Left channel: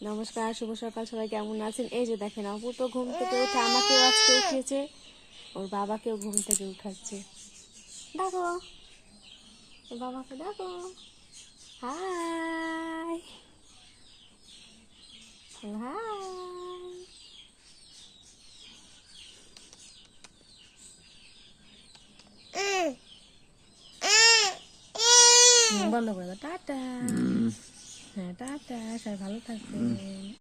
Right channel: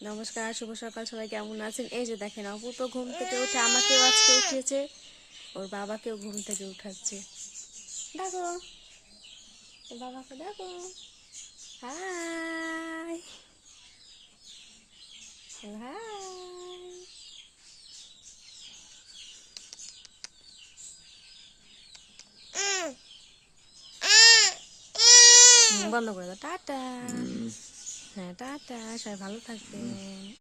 নমস্কার, শুভ সকাল। সবাই কেমন আছেন? এই যে দেখেন, অপু তো ঘুম থেকে উঠে আমাকেও আজকে উঠিয়েছে, ওর বাবাকেও ঘুম থেকে উঠাচ্ছে। দেখো, ওর বাবাকে দেখো। High high. বন্ধ করে দাও। টাটা। হ্যাঁ, টাটা। সবাই ভালো থাকবেন।